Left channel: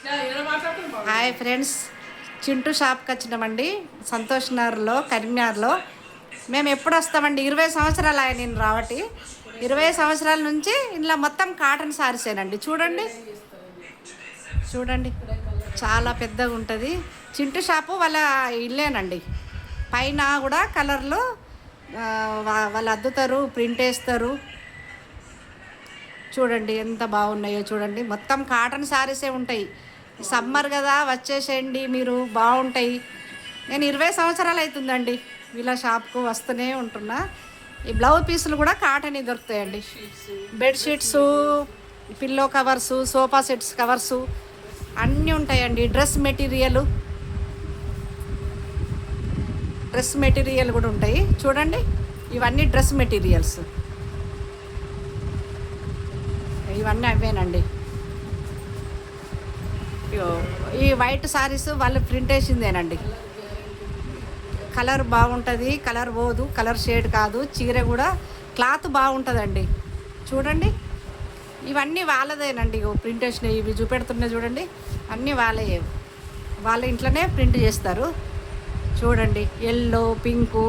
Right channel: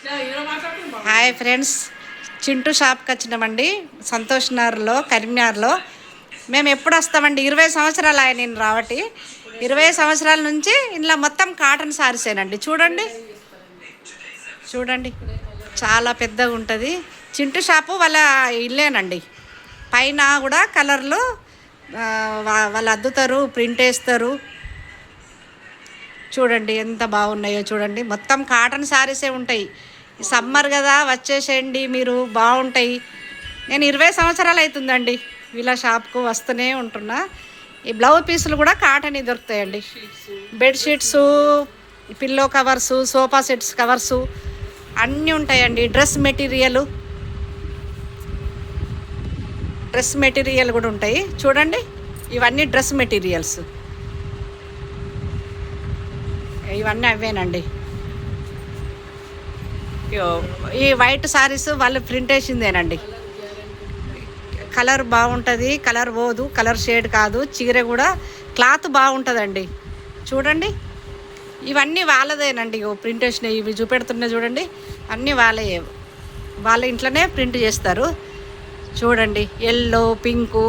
Hi friends, Chintu షాప్కి వచ్చినామండి. సంతోష్ నగర్లో, కరీంనగర్లో. మేము ఎప్పుడు వస్తామండి? 20 సంవత్సరాలు ఆయన నేను రావటి. 20 సంవత్సరాల నుంచి ఇంట్లో మొత్తం కాటన్ సారీసేనండి. చూడండి చూడండి, చాలా పెద్దగా ఉంటుంది. చింటూ షాపు వాళ్ళ ఇల్లేనండి. పైన కూడా కలర్లు వాళ్ళు అద్దుతారు, ప్రింట్ వేస్తారు. చూడండి ఎంత బాగున్నాయో చూడండి. మొత్తం కాటన్ శారీసే ఉంటాయి. సమ్మర్ కదా, వచ్చేసేయండి మీరు, బాగుంటాయి. నేను 20 సంవత్సరాలు అవుతుందండి వీళ్ళ షాప్కు వస్తూనే ఉంటున్నా. ఈ బ్లౌజ్ పీసులు కూడా కాటన్ దొరుకుతాయండి. Bedsheets, pillow covers, sofa sets covers అన్నీ ఉంటాయండి. డ్రెస్ మెటీరియల్ కూడా ఉంటాయి. చూడండి, ఇవన్నీ డ్రెస్ మెటీరియల్స్, ఇవన్నీ అవేనండి. ఈ వైట్ సారీస్ వాళ్ళు ప్రింట్ వేసిందేనండి. కలర్ బాగుంటుంది, కలర్ పోదు, కలర్ షేడ్ కాదు. చీర కూడా క్లాత్ బాగుంటుందండి. చూడండి, ఇవన్నీ వాళ్ళదేనండి. ప్రింట్ వేసినవి ఇవి చూపెడుతున్నాయి చూడండి, అన్నీ వాళ్ళ ఇంట్లోనే ప్రింట్ చేస్తారు. చూడండి, ఎల్లో, పింకు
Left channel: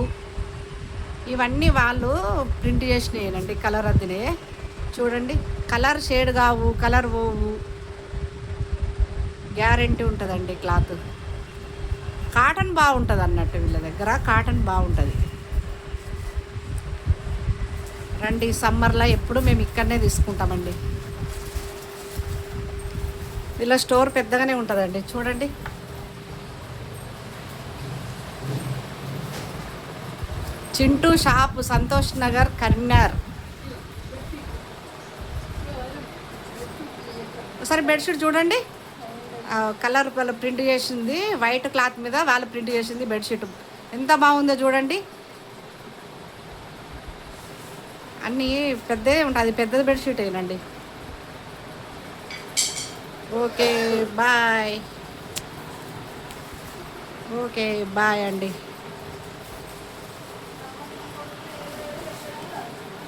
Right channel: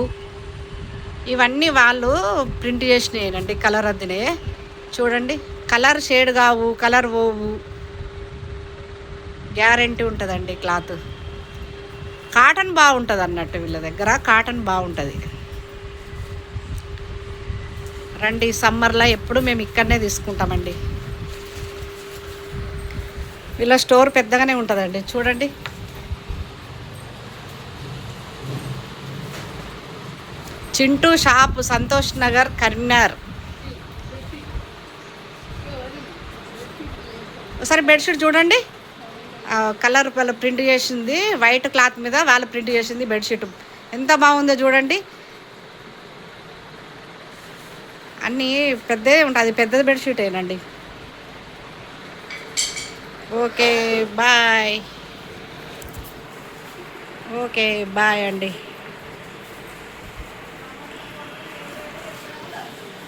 ఇవన్నీ వాళ్ళు ప్రింట్ చేసినాయేనండి. కలర్ అద్దినే చూడండి, కలర్ షేడ్ కావు, కలర్ పోవు, గ్యారెంటీ ఉంటుందండి. క్లాత్ కాటన్ బాగుంటుంది అన్నట్టు, వీళ్ళ దగ్గర కాటన్ బాగుంటుంది. రండి, సమ్మర్లో ఎప్పుడు మేము ఇక్కడనే తీసుకుంటామండి. వీళ్ళ స్టోర్ పెద్దగానే ఉంటుందండి. చూడండి, చింటూ షాప్, సంతోష్ నగర్, కరీంనగర్. ఒకసారి బెడ్షీట్ చూడండి, కలర్ వాళ్ళు ప్రింట్ చేసింది. వైట్ క్లాత్ మీద వాళ్ళు ప్రింట్ చేసింది బెడ్షీట్. ఎంత బాగుందో చూడండి. అన్నీ పెద్దదే ఉంటుంది, పెద్దది బెడ్షీట్ ఏనండి. Okay bye. ఓకే బాయ్ అండి.